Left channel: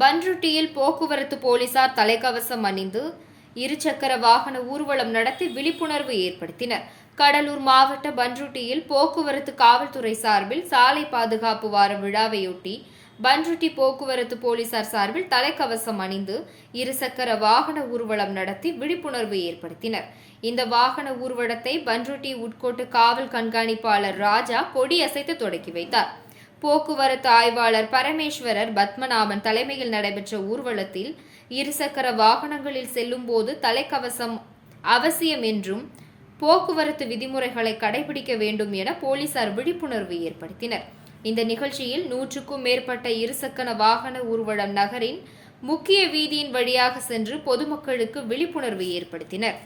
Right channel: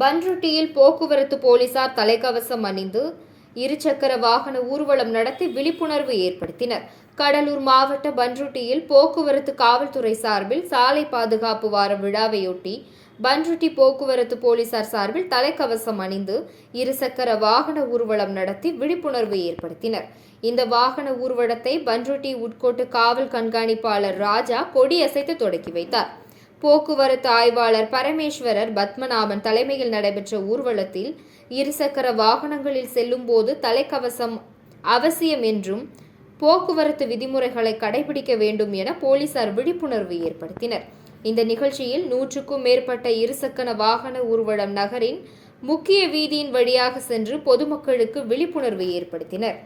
பன்ருட்டியில் போக்குவரத்து போலீசார் தலைக்கவசம் அணிந்து இருசக்கர வாகன ஊர்வலம் நடத்தி விழிப்புணர்வு ஏற்படுத்தினர். கடலூர் மாவட்ட பன்ருட்டியில் போக்குவரத்து காவல்துறை சார்பில் சாலை பாதுகாப்பு வார விழாவையொட்டி பன்ருட்டி போக்குவரத்து போலீசார் சார்பில் தலைக்கவசம் அணிந்து இருசக்கர வாகன ஊர்வலம் நடத்தி விழிப்புணர்வு ஏற்படுத்தினர். இந்த வாகன ஊர்வலத்தை பன்ருட்டி உட்கோட்டு காவல் கண்காணிப்பாளர் ராஜா கொடியசைத்து தொடக்கி வைத்தார். போக்குவரத்து ஆய்வாளர் பரமேஸ்வரர் பத்மநாபன் தலைமையில் நடைபெற்ற ஊர்வலத்தில் இருசக்கர வாகனங்களில் செல்லும்போது தலைக்கவசம் அவசியம் என்றும் போக்குவரத்து விதிமுறைகளை கடைபிடிக்க வேண்டும் என போலீசார் விழிப்புணர்வு ஏற்படுத்தினர். இந்த நிகழ்ச்சியில் நூற்றுக்கும் மேற்பட்ட இருசக்கர வாகன ஊர்வலம் நகரின் முக்கிய வீதியின் வழியாக சென்று பொதுமக்களுக்கு விழிப்புணர்வு ஏற்படுத்தினர்.